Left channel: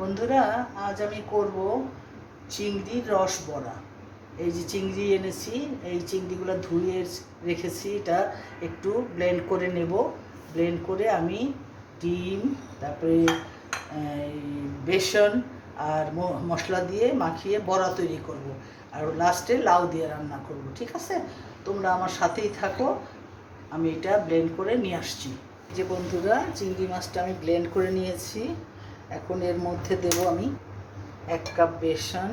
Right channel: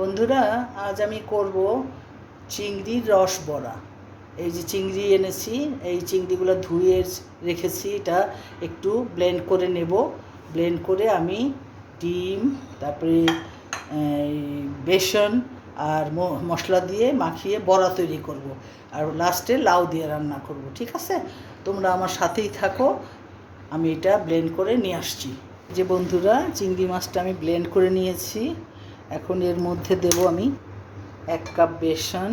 বন্ধুরা, আজ আমি করব চিংড়ির রস বড়া। এই যে চিংড়ি এনেছি, এই চিংড়িগুলো ধুয়ে রেখেছি। এটা একটু ব্লেন্ড করে নেব। ব্লেন্ড করে আমি ডিম, তারপরে বেসন আর মশলা দিয়ে মাখিয়ে বড়া তৈরি করব। আর লাস্টে লাউ দিয়ে রান্না করব। ঠিক আছে, তোমরা আমার সাথেই থাকো। আমি এটা ব্লেন্ড করে নিয়ে আসছি। যে বন্ধুরা, চিংড়ি মাছটা আমি ব্লেন্ড করে নিয়েছি। এখন এর মধ্যে দেব আমি 1 কাপ বেসন,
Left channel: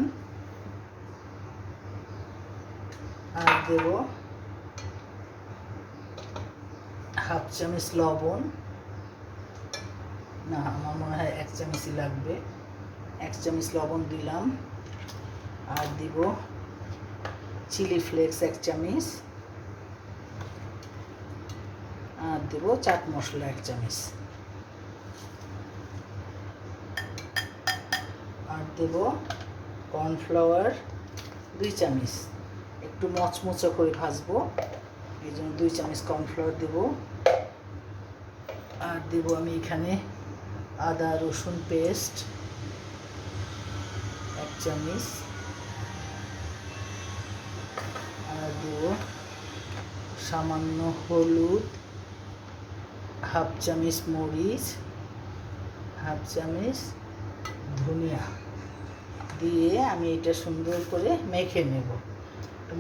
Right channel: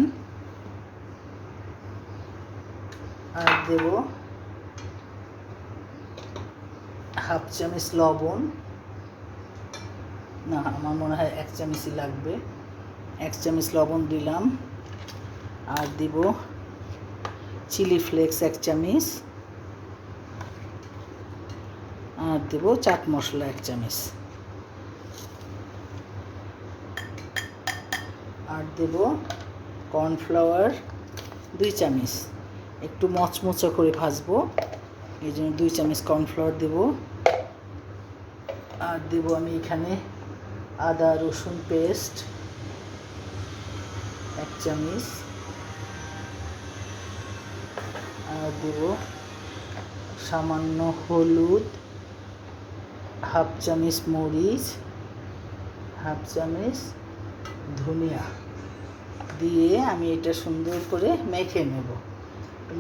আর দেব হাফ চামচ লবণ। না, আমার মনে হয় 1 চামচই লাগবে। 1 চামচ লবণ দিলাম। আর দিব চিলি ফ্লেক্স 1 চামচ। আর দেব চাট মশলা 1 চামচ। আর দেব কর্নফ্লাওয়ার 2 চামচ। একটু মচমচে করে ভাজবো, এই জন্য 2 চামচ কর্নফ্লাওয়ার দেব। আর দেব আমি এখানে আদা রসুন পেস্ট 1 চামচ। আর দেব সামান্য হলুদ, হাফ চামচ মরিচ, হাফ চামচ ধনিয়া দিয়ে আমি এটা সুন্দর করে মেখে নেব।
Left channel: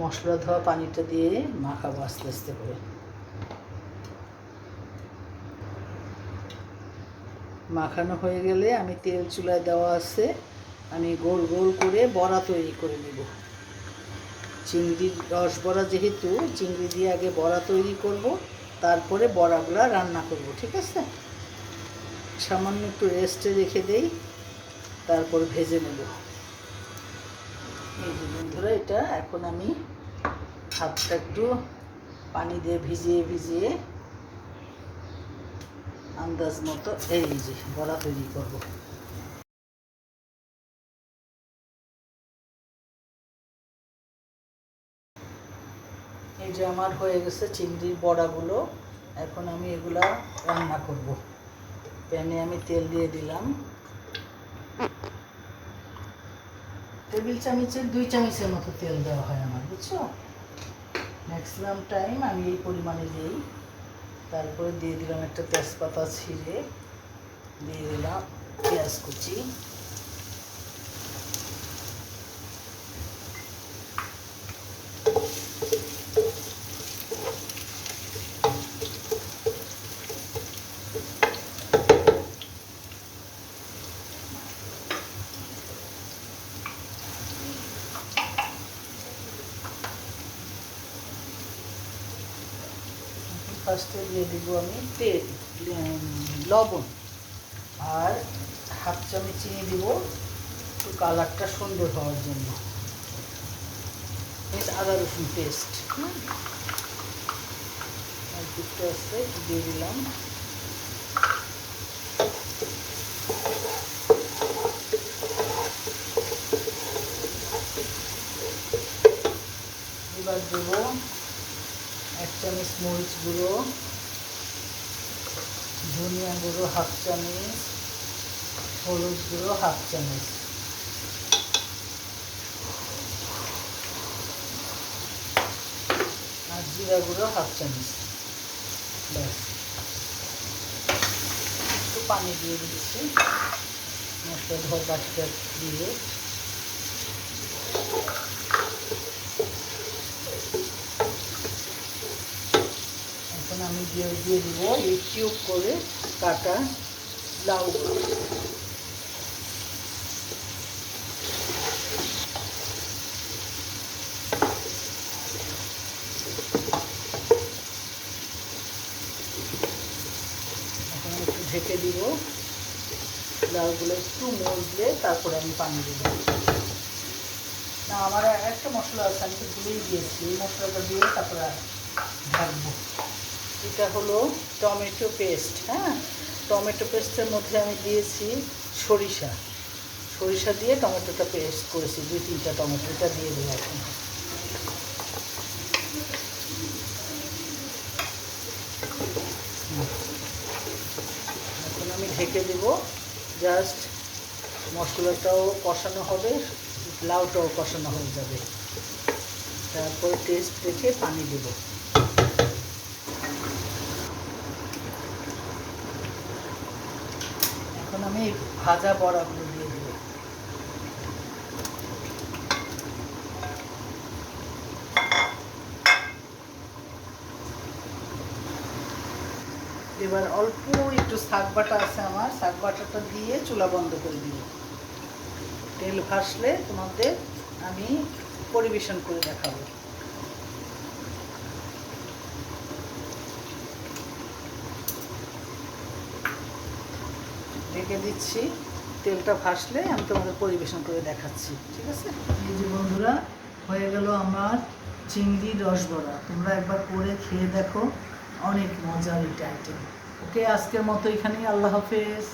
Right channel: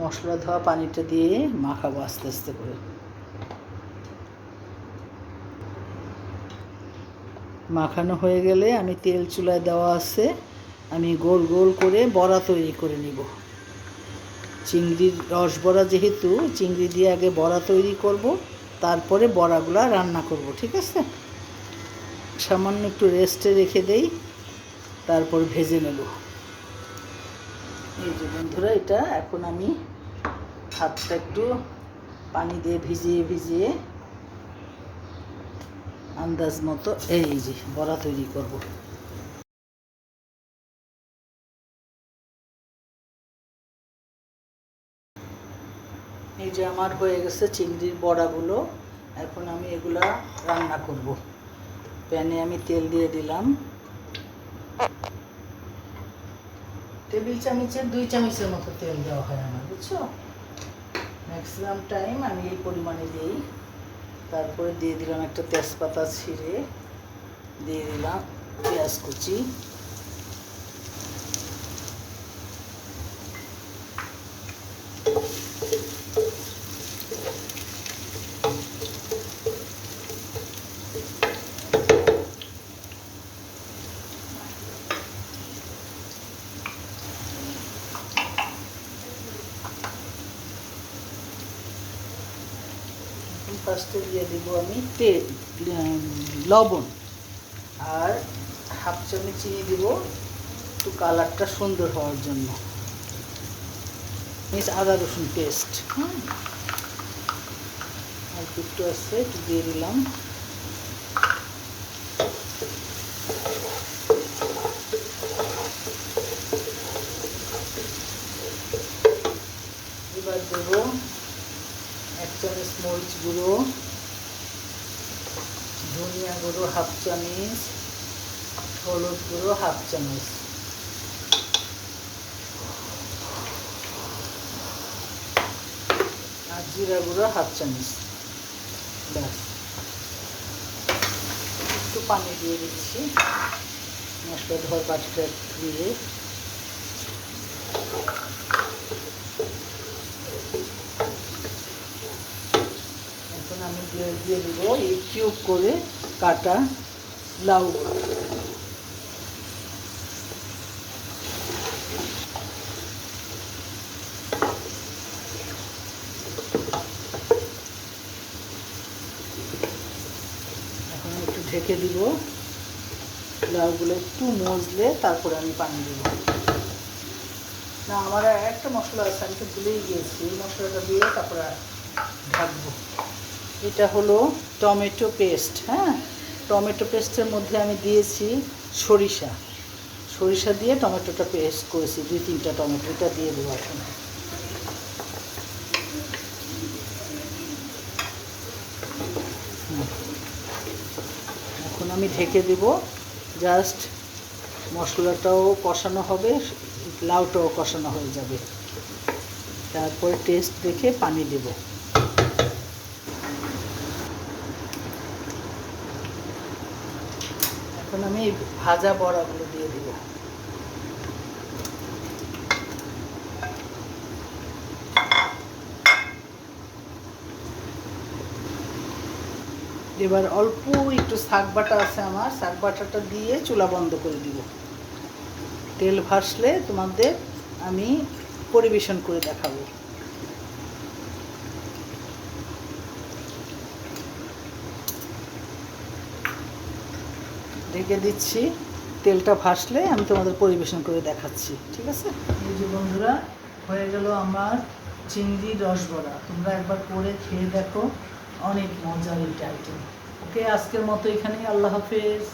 মশলা ধোয়া পানিটা দিয়ে মাখাবো আস্তে আস্তে করে। মাখানো হয়ে গেলে আমি তেল চুলায় দেওয়া আছে, আমি গোল গোল করে বড়া তৈরি করে নিব। চিংড়ির রস বড়া, যেহেতু চিংড়ি দিয়ে আগে বড়া তৈরি করব, তারপরে বড়াগুলা রান্না করব। ঠিক আছে, সামান্য একটু রেস্টে রেখে দেই, তারপর ভেজে নেব। এই যে বন্ধুরা, এটা এখন আমি হাতটা একটু পানি দিয়ে ভিজিয়ে ভিজিয়ে আন্দাজ মতো এই যে বড়া তৈরি করব। এই যে আমার হয়ে গেছে চিংড়ির বড়াগুলো। এখন আমি এগুলা রান্না করব। প্যানে আমি তেল দিয়ে দিলাম। টেবিল চামচের 2 চামচের মতো তেল দেওয়া হয় আমার, বুঝছো? ম্যাক্সিমাম টাইম আমি এই পরিমাণে দিই। তারপরে দিয়ে দিলাম একটা তেজপাতা ছিঁড়ে, দিয়ে দিলাম পেঁয়াজ কুচি, ফার্স্টে দিয়ে দিব আমি তেল, লবণ, আর হাফ চামচ চিনি দিব একটু কালারটা সুন্দর হওয়ার জন্য। আদা রসুন পেস্ট, আর একটু আছে একটু দিয়ে দিলাম। এবার দেব 1 চামচ মরিচ গুঁড়ো, ধনিয়া গুঁড়ো হাফ চামচ, হলুদ গুঁড়ো হাফ চামচ, আর জিরা গুঁড়ো হাফ চামচ। ব্যাস, একটু পানি দিয়ে দিচ্ছি মশলা ধোয়া পাটিটা দিয়ে। এখন আমি দিয়ে দিব এই কিউব করে কাটা লাউ। ঢেকে দিব, লাউগুলো একটু মজলে তারপরে আমি পানি দেব। না, আমার একটা মশলা আছে, আমি তো ভুলেই দিয়েছি, এই মশলাটা দিয়ে তারপরে ঢাকবো। এটা হলো টমেটো পেস্ট। হ্যাঁ, টমেটো পেস্টের মধ্যে আমি দিয়েছি সরিষা। সরিষা দিয়ে টমেটোটা পেস্ট করেছি, 2-3টা টমেটো। এটা দিয়ে দেবো এখন। এখন আমি ঢেকে দেব জাস্ট মশলাটাও কষানো হবে, লাউটাও কষানো হয়ে যাবে। তারপরে টেস্ট দেখে পানি দেব। এখন আমি এই ভাজা বড়াগুলো দিয়ে দেব। এবার অল্প একটু শাক বাটা আছে আমার, শাক বাটাটা দিয়ে চুলা বন্ধ করে দিব। তেল ভাসলে তোমাদের আমি পরিবেশন করে দেখাবো। ঢেকে দিচ্ছি, তেলটা ভাসলে আমি তোমাদের পরিবেশন করে দেখাচ্ছি, ঠিক আছে? এই যে বন্ধুরা, হয়ে গেল আমার চিংড়ির রসবড়া। তোমরা একবার করে খেয়ে দেখো, অনেক মজার একটা আইটেম। ওকে, আজকের মতো এখানেই, আল্লাহ হাফেজ।